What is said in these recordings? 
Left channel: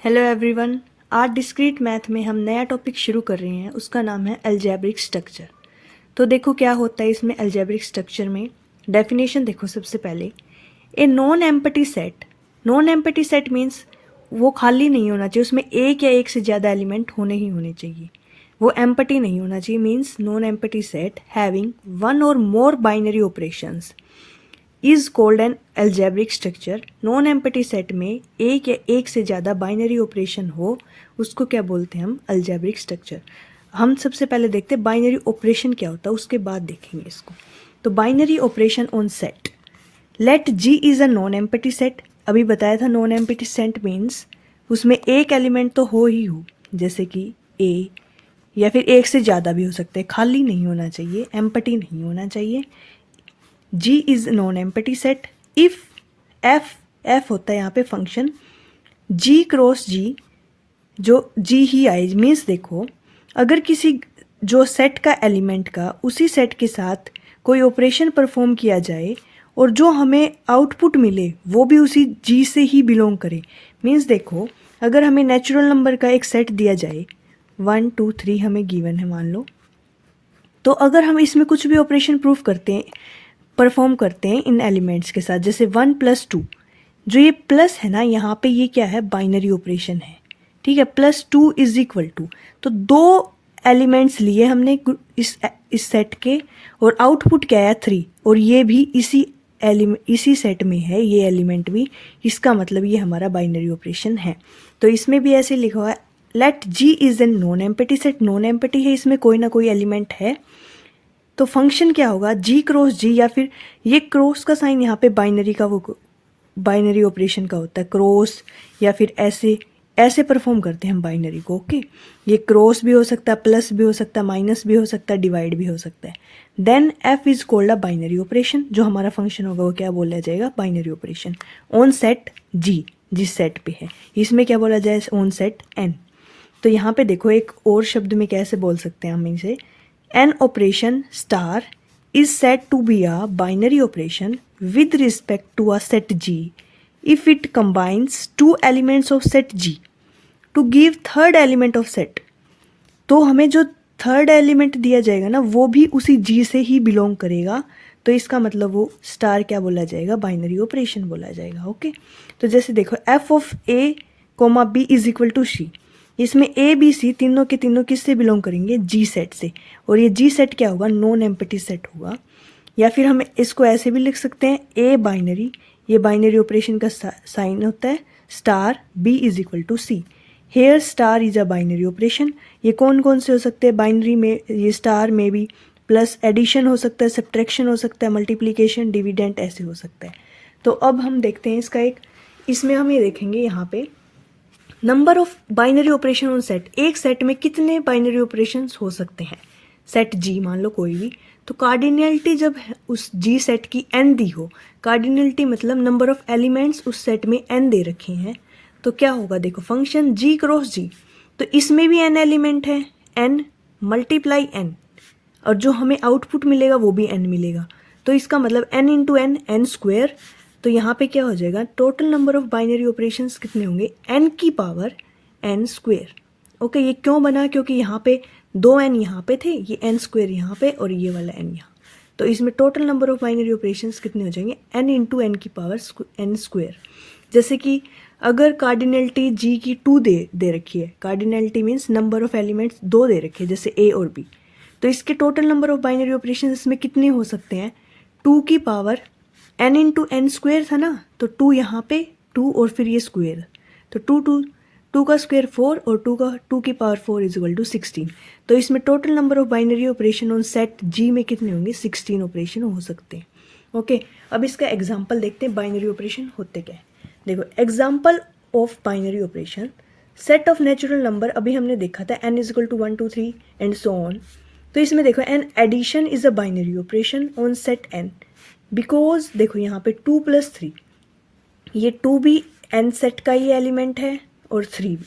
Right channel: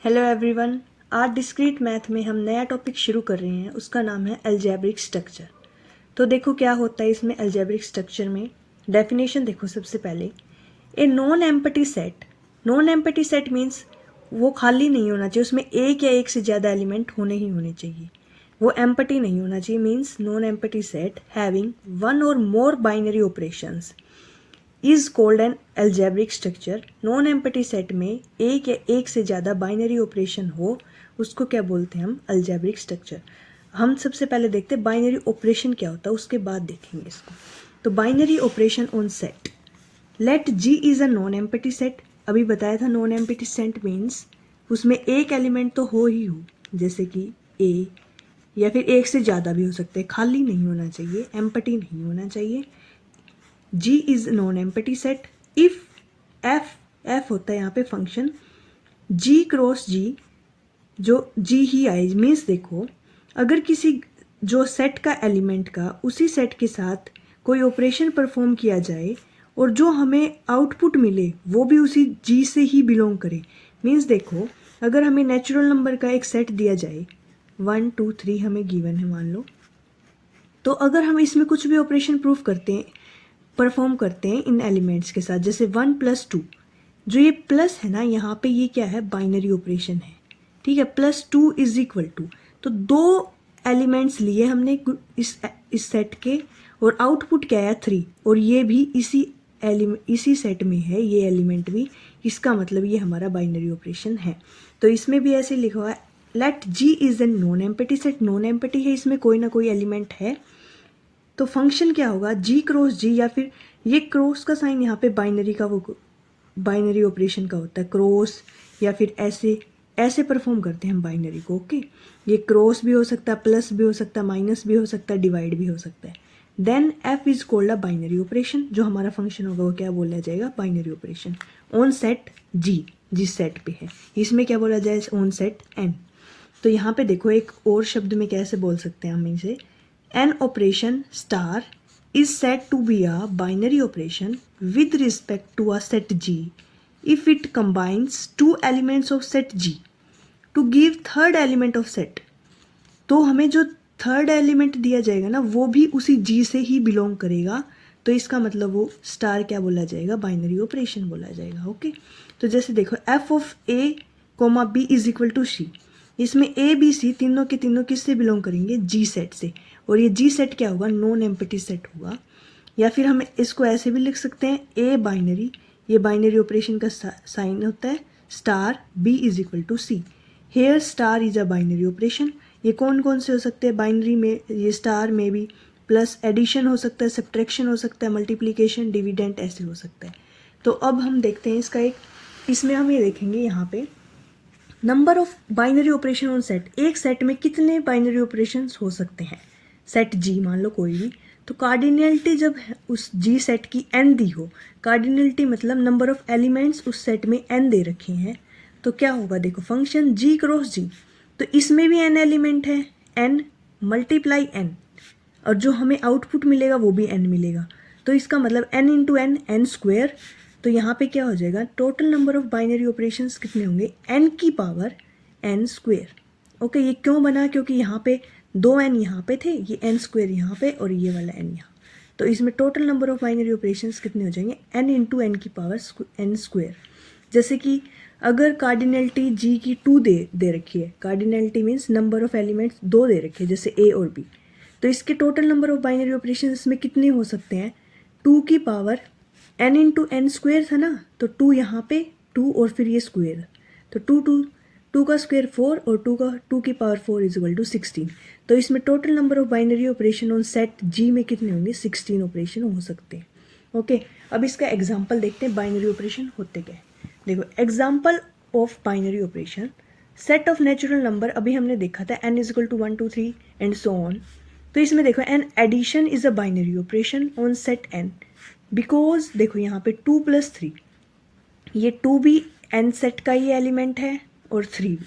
Hello everyone. आज discrete math में हम नया टॉपिक शुरू कर रहे हैं, उसका नाम है अलजेब्रिक स्ट्रक्चर। तो देखो क्या होता है इसमें अलजेब्रिक स्ट्रक्चर में। डेफिनेशन देखो सबसे पहले, a non empty set. Non empty set means वो खाली नहीं होना चाहिए, उसमें एक या एक से ज़्यादा एलिमेंट होने ही होने चाहिए, वो एम्पटी नहीं होना चाहिए। Means non empty set having one or more binary operations is called an algebraic structure. Non empty set में एक या एक से ज़्यादा बाइनरी ऑपरेशन हो, उसको क्या बोलते हैं हम? Algebraic structure. हम सबसे पहले देखते हैं बाइनरी ऑपरेशन क्या होता है, उसके बाद देखेंगे इसको। तो binary operation on set, let G is a non empty set. अभी बताया था नॉन एम्पटी सेट मीन्स उसमें एक एलिमेंट तो हो ही हो, जैसे कि ए, या फिर एक से ज़्यादा भी हो सकते हैं, खाली नहीं होना चाहिए, एम्पटी नहीं होना चाहिए। G is non empty set if F होता है यहाँ पे फंक्शन G क्रॉस G, जो G ही आए। मीन्स देखो, अगर किसी जो सेट का एलिमेंट का उसी सेट के साथ कोई ऑपरेशन परफॉर्म किया जाए और जो हमें आउटपुट मिले वो भी उसी G से ही बिलोंग करे। मीन्स देखो, अगर हमें नेचुरल नंबर का एक सेट दिया जाए, 1 2 3 हमें गिवन है मान लो, तो अगर हम इसमें कुछ भी ऑपरेशन प्रूफ करते हैं, परफॉर्म करते हैं इन एलिमेंट्स के साथ, जैसे 1 + 2, जो ये प्लस है ना यहाँ पे, ये क्या है? बाइनरी ऑपरेशन है, ठीक है। +2 = तो दो एलिमेंट्स लिए हमने इस सेट के और आउटपुट क्या है? 3, और ये भी इसी सेट में है, ये एलिमेंट भी। इसका मतलब ये हमारा बाइनरी ऑपरेशन है। तो इसमें भी ऐसे लिखा हुआ है, let G is an non empty set. Non empty है, इसमें कोई ना कोई एलिमेंट है, तो फंक्शन क्या होगा? G क्रॉस G, या फिर ये क्रॉस का साइन यहाँ पे बाइनरी का, वो बाइनरी ऑपरेशन का होता है क्रॉस, या फिर ऐसे ऐसे परफॉर्म करते हैं हम बाइनरी को। ओके, ये क्रॉस भी हो सकता है, प्लस भी हो सकता है, माइनस भी हो सकता है, डिवाइड भी हो सकता है। Then F is called a binary operation. जो हमारा फंक्शन होगा वो क्या बोला जाएगा? Binary operation on set G, जिस सेट पे है। इसमें क्या बोला जाए? On set N। तो यहाँ पे देखो, एक और शब्द में कैसे बोल सकते हैं हम इसे? An operation star is said to be a binary operation with respect to a set G if it combines two elements of set G to give third element of set। तो हमें जो थर्ड एलिमेंट दिया जाएगा ना, वो भी उसी G से ही बिलोंग करेगा। तो इसका मतलब वो स्टार क्या बोला जाएगा? बाइनरी ऑपरेशन बोला जाएगा। ओके, तो जैसे देखो, F of A, B = C। इसमें A B C तीनों के तीनों किससे बिलोंग करेंगे? G सेट से। और ये G सेट क्या होगा? नॉन एम्पटी सेट होगा। या फिर हम इसको ऐसे भी लिख सकते हैं, A बाइनरी, ये बाइनरी ऑपरेशन का साइन होता है star, B = C। Here star is a binary operation. ये कौन कौन से हो सकते हैं बाइनरी में? ये स्टार में भी प्लस एडिशन हो सकता है, सब्ट्रैक्शन हो सकता है, मल्टीप्लिकेशन, डिविडेंड ऐसे हो सकता है। तो अब हम देखते हैं इसका एक, इसमें हम ये देखेंगे यहाँ पे number of binary operation on set. एक सेट में कितने बाइनरी ऑपरेशंस हो सकते हैं? सेट G मान लो कोई भी, तो कार्डिनलिटी जब उस G सेट की n दी हो, कार्डिनलिटी मतलब नंबर ऑफ एलिमेंट्स उस सेट में n दे रखे हैं, तो क्या होगा? देखो, फंक्शन G क्रॉस G, तो इसमें भी n एलिमेंट है, n × n, और जो हमें आउटपुट मिलेगा वो भी n मिलेगा। तो इसका मतलब n × n, n²। तो यहाँ पे क्या हो जाएगा? Total number of binary operations कितने होंगे? n⁻n²। ओके, ये क्यों बना? क्योंकि यहाँ पे 2n यहाँ पे थे, ये n² यहाँ पे, और ये वाला n यहाँ। तो इसमें total number of binary operations कितने हो जाएंगे? n × n²। जैसे कि अगर कार्डिनलिटी G की 2 दे रखी है, cardinality means number of elements 2 दे रखे हैं, जैसे A और B, तो इसके total number of binary operation इसमें कितने हो सकते हैं? 2 की पावर n × n² था ना, तो 2 यहाँ पे 2 और फिर ये स्क्वेयर, तो 2 का स्क्वेयर 4 और 2 की पावर 4 = 16। तो इसमें total number of binary operation on set G में कितने होंगे? 16 ऑपरेशन हो सकते हैं। ओके, अब इसका एग्जाम्पल देखते हैं बाइनरी ऑपरेशन होते क्या है। देखो, example of binary operation, set of natural number अभी हमने देखा था, n = 1 2 3 एंड सो ऑन। तो इसमें देखो, an addition is a binary operation on set n, because देखो यहाँ पे 2 + 3, ये 2 भी n सेट का ही एलिमेंट है और 3 भी,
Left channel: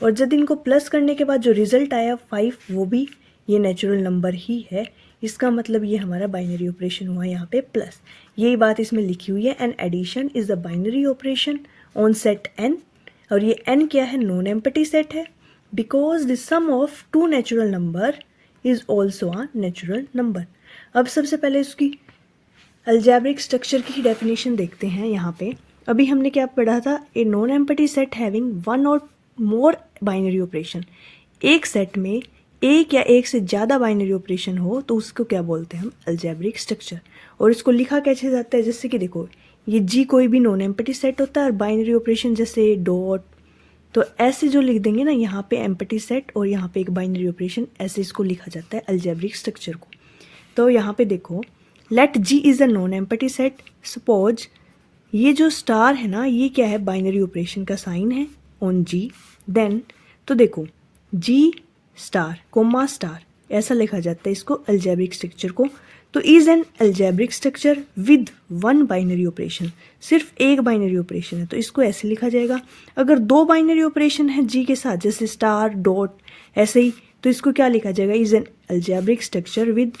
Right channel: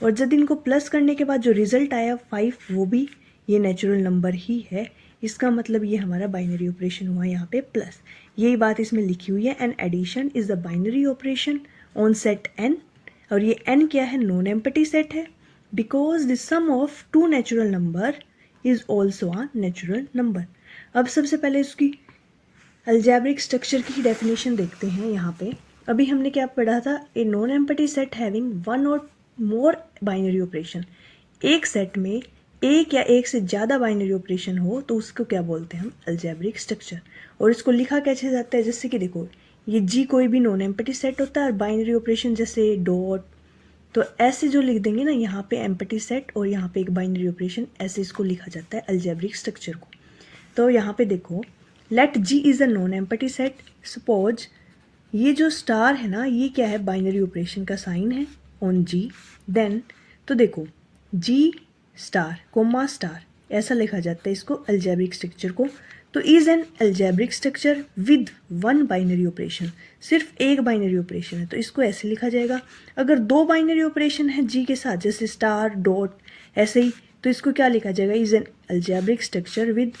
और जब इनको प्लस करने के बाद जो रिजल्ट आया 5, वो भी ये नेचुरल नंबर ही है। इसका मतलब ये हमारा बाइनरी ऑपरेशन हुआ यहाँ पे प्लस। यही बात इसमें लिखी हुई है, an addition is the binary operation on set n और ये n क्या है, नॉन एम्प्टी सेट है, because the sum of two natural number is also a natural number. अब सबसे पहले उसकी अलजेब्रिक स्ट्रक्चर की डेफिनेशन देखते हैं। यहाँ पे अभी हमने क्या पढ़ा था, a non empty set having one or more binary operation. एक सेट में एक या एक से ज़्यादा बाइनरी ऑपरेशन हो तो उसको क्या बोलते हैं हम, अलजेब्रिक स्ट्रक्चर। और इसको लिखा कैसे जाता है, जैसे कि देखो ये जी कोई भी नॉन एम्प्टी सेट होता है और बाइनरी ऑपरेशन जैसे डॉट, तो ऐसे जो लिख देंगे ना, यहाँ पे एम्प्टी सेट और यहाँ पे एक बाइनरी ऑपरेशन, ऐसे इसको लिखा जाता है अलजेब्रिक स्ट्रक्चर को। तो यहाँ पे देखो, let G is a non empty set, suppose ये जो स्टार है ना, ये क्या है, बाइनरी ऑपरेशन का साइन है ऑन जी। देन तो देखो जी स्टार कोमा स्टार, ऐसा लिखा जाता है इसको अलजेब्रिक स्ट्रक्चर को। तो is an algebraic structure with one binary operation, सिर्फ एक बाइनरी ऑपरेशन है तो इसको ऐसे लिखा जाएगा। अगर दो बाइनरी ऑपरेशन है जी के साथ, जैसे स्टार डॉट ऐसे ही, तो इसको क्या लिखा जाएगा, is an algebraic structure with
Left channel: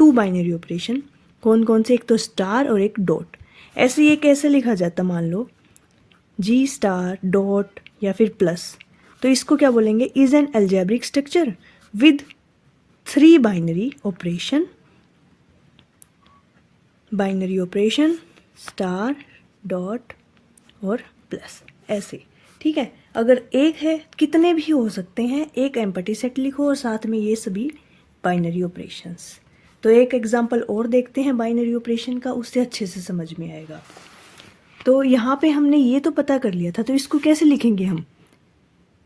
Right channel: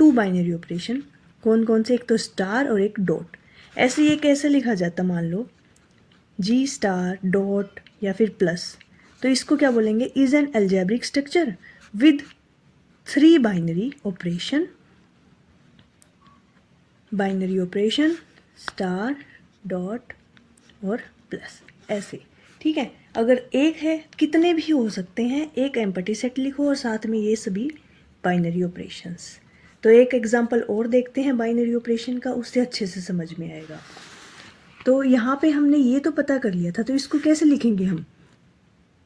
two binary operation. कौन कौन से, एक तो स्टार और एक डॉट। ऐसे ये कैसे लिखा जाता, मान लो जी स्टार डॉट या फिर प्लस, तो इसको क्या बोलेंगे, is an algebraic structure with three binary operation, binary operation star dot और प्लस, ऐसे। ठीक है, अगर एक है, कितने भी हो सकते हैं, एक एम्प्टी सेट लिखो और साथ में ये सभी बाइनरी ऑपरेशंस। तो एक एग्जांपल और देखते हैं बाइनरी ऑपरेशन का, उससे अच्छे से समझ में आएगा। तो यहाँ पे हमने ये तो पता कर लिया था, तो इसको कैसे लिखेंगे हम,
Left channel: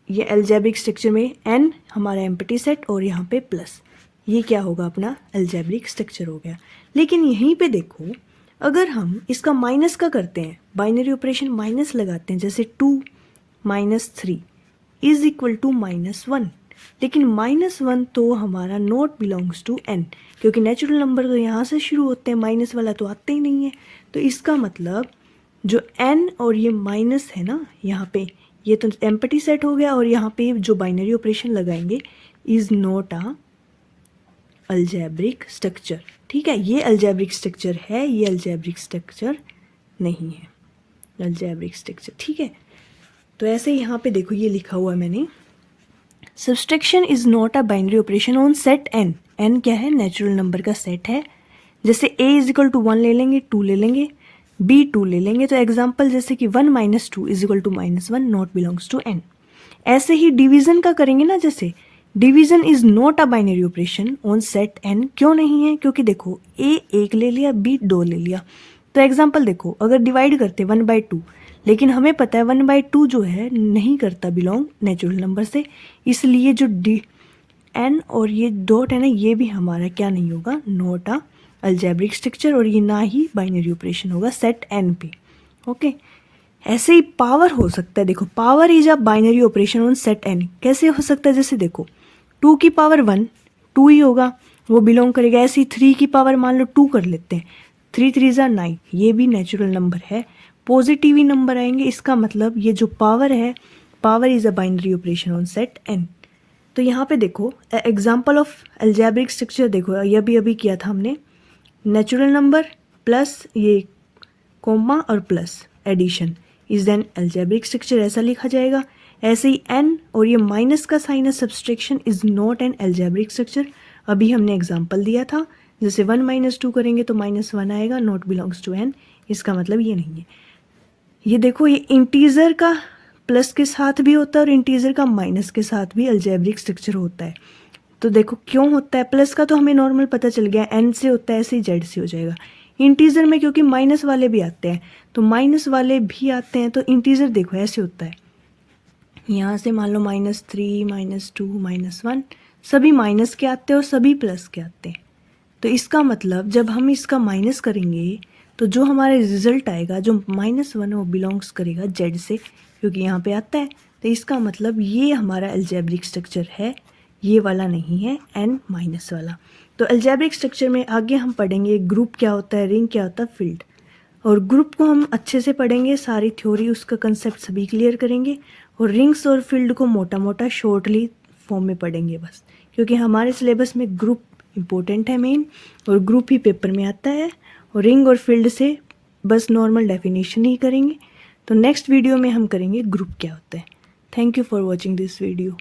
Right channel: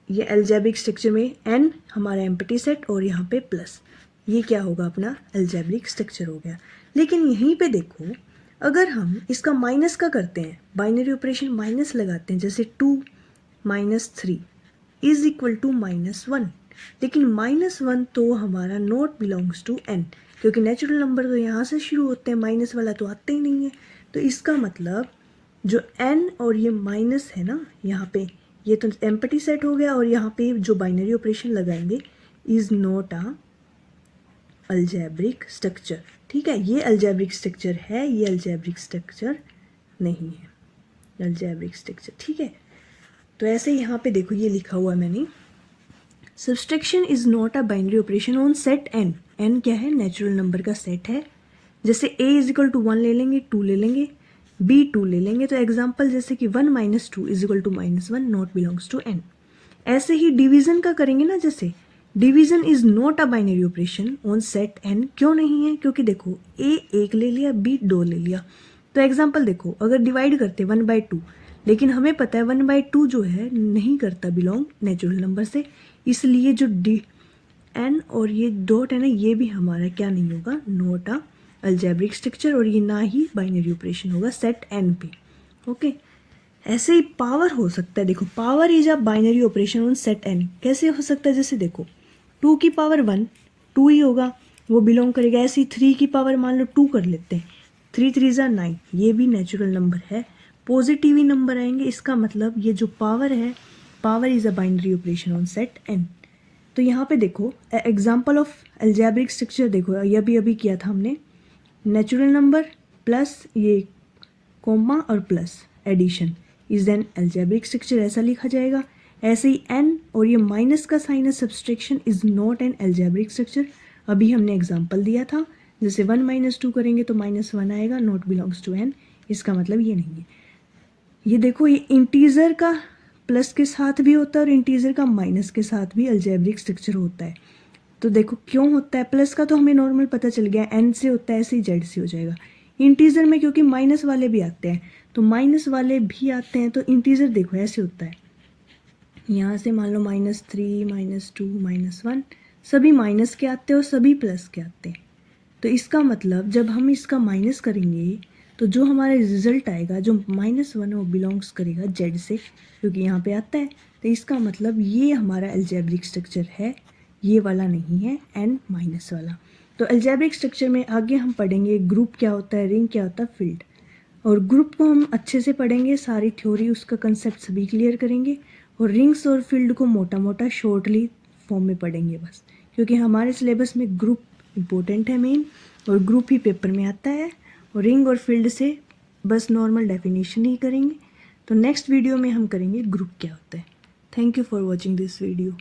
ये अलजेब्रिक स्ट्रक्चर में n हमारा एम्प्टी सेट और यहाँ पे प्लस, ये क्या होगा, अपना अलजेब्रिक स्ट्रक्चर हो गया। लेकिन यहीं पे देखो, अगर हम इसका माइनस का करते हैं, बाइनरी ऑपरेशन माइनस लगाते हैं, जैसे 2 - 3 इज इक्वल टू -1, लेकिन -1 तो हमारा नॉट बिलोंग्स टू n, क्योंकि नेचुरल नंबर तो यहाँ से शुरू होते हैं, माइनस वाला तो आते ही नहीं है। तो इसका मतलब जो n और ये माइनस है ना, यहाँ पे ये तो एम्प्टी सेट हो गया, और यहाँ पे जो बाइनरी ऑपरेशन लगाएंगे is not a algebraic structure. ठीक है, ये अलजेब्रिक स्ट्रक्चर है, ये अलजेब्रिक स्ट्रक्चर नहीं है, अलजेब्रिक स्ट्रक्चर। ठीक है, तो ऐसे यहाँ पे देखो ये लिखा हुआ मैंने, subtraction is not a binary operation on set n। n क्या है, नेचुरल नंबर का सेट है। जैसे a इज इक्वल टू 1 ले लेंगे, 2 ले लेंगे, b 2 ले लेंगे, तो एग्जाम्पल जैसे कि 1 - 2 is equal to -1 not belongs to n। ऐसे ही डिवीजन का करेंगे ना, जैसे division is not a binary operation on set n। क्यों नहीं है, क्योंकि देखो a 1 ले लिया, b 2 ले लिया। तो एग्जाम्पल देखो, अगर डिवाइड करते 1/2, लेकिन हमें पता है 1/2 जो है नहीं करता बिलोंग नेचुरल नंबर से, इसलिए जो n और ये डॉट है ना, ये भी हमारा क्या नहीं होगा, नॉट अ अलजेब्रिक स्ट्रक्चर, और ये ना ही बाइनरी ऑपरेशन होगा सेट n पे। ओके, ऐसे ही पावर हो सकता है, देखो power is a binary operation on set n। कैसे हो सकता है, जैसे देखो 2 की पावर 1 2 ही होगा, वो बिलोंग करेगा। ऐसे ही 3 की पावर मान लो 2 कर लेते हैं, 3 3 9, ये भी नेचुरल नंबर है, पॉजिटिव ही नंबर आएंगे। इसका मतलब ये जो पावर है, power is a binary operation on set n। तो यहाँ पे देखो एग्जाम्पल ऑफ अलजेब्रिक स्ट्रक्चर, देखो ये अभी किया था हमने, नेचुरल नंबर प्लस ये कोमा और plus addition is an algebraic structure, ऐसा लिखा जाएगा। ऐसे ही n और ये माइनस का साइन है, subtraction is not an algebraic structure. अभी हमने एग्जांपल दिया था, जैसे 1 - 2 करेंगे तो -1 आएगा, नॉट बिलोंग्स टू n। इसका मतलब ये नहीं है। ये देखो, ये इंटीजर का प्लस के साथ भी होता है और इंटीजर का माइनस के साथ भी अलजेब्रिक स्ट्रक्चर होता है। तो देखो क्यों होता है, प्लस का तो हमें नॉर्मल पता चल गया, n से होता है, ऐसे ही z से हो जाएगा। इंटीजर में क्योंकि माइनस वाले भी आते हैं, तो माइनस वाले भी आते हैं, तो इंटीजर देखो ऐसे होता है, यहाँ से मान लो -3 -2 -1 सभी माइनस के आते हैं और सभी प्लस के आते हैं। तो इसका मतलब जब हम इसका माइनस करेंगे तो जो हमारा रिजल्ट आएगा, जो -1 वो बिलोंग्स करेगा z से, क्योंकि यहाँ पे आता है। तो इसका मतलब ये हमारा अलजेब्रिक स्ट्रक्चर है, ये वाला नहीं है n माइनस वाला। तो अलजेब्रिक स्ट्रक्चर में आगे हम पढ़ेंगे ग्रुप क्या होता है, रिंग क्या होता है, फील्ड। और ग्रुप को हम अच्छे से पढ़ेंगे, सारी थ्योरी उसका कंसेप्ट सभी क्लियर करेंगे, और रिंग्स और फील्ड को मोटा मोटा शॉर्टली फॉर्म में पढ़ेंगे बस, क्योंकि हमारे सिलेबस में ग्रुप इम्पोर्टेंट है मेन, और ग्रुप ही पेपर में आता है। और रिंग और फील्ड से बस नॉर्मल डेफिनेशन ही करेंगे। तो नेक्स्ट वीडियो में हम करेंगे ग्रुप क्या होता है। Thank you for watching this video.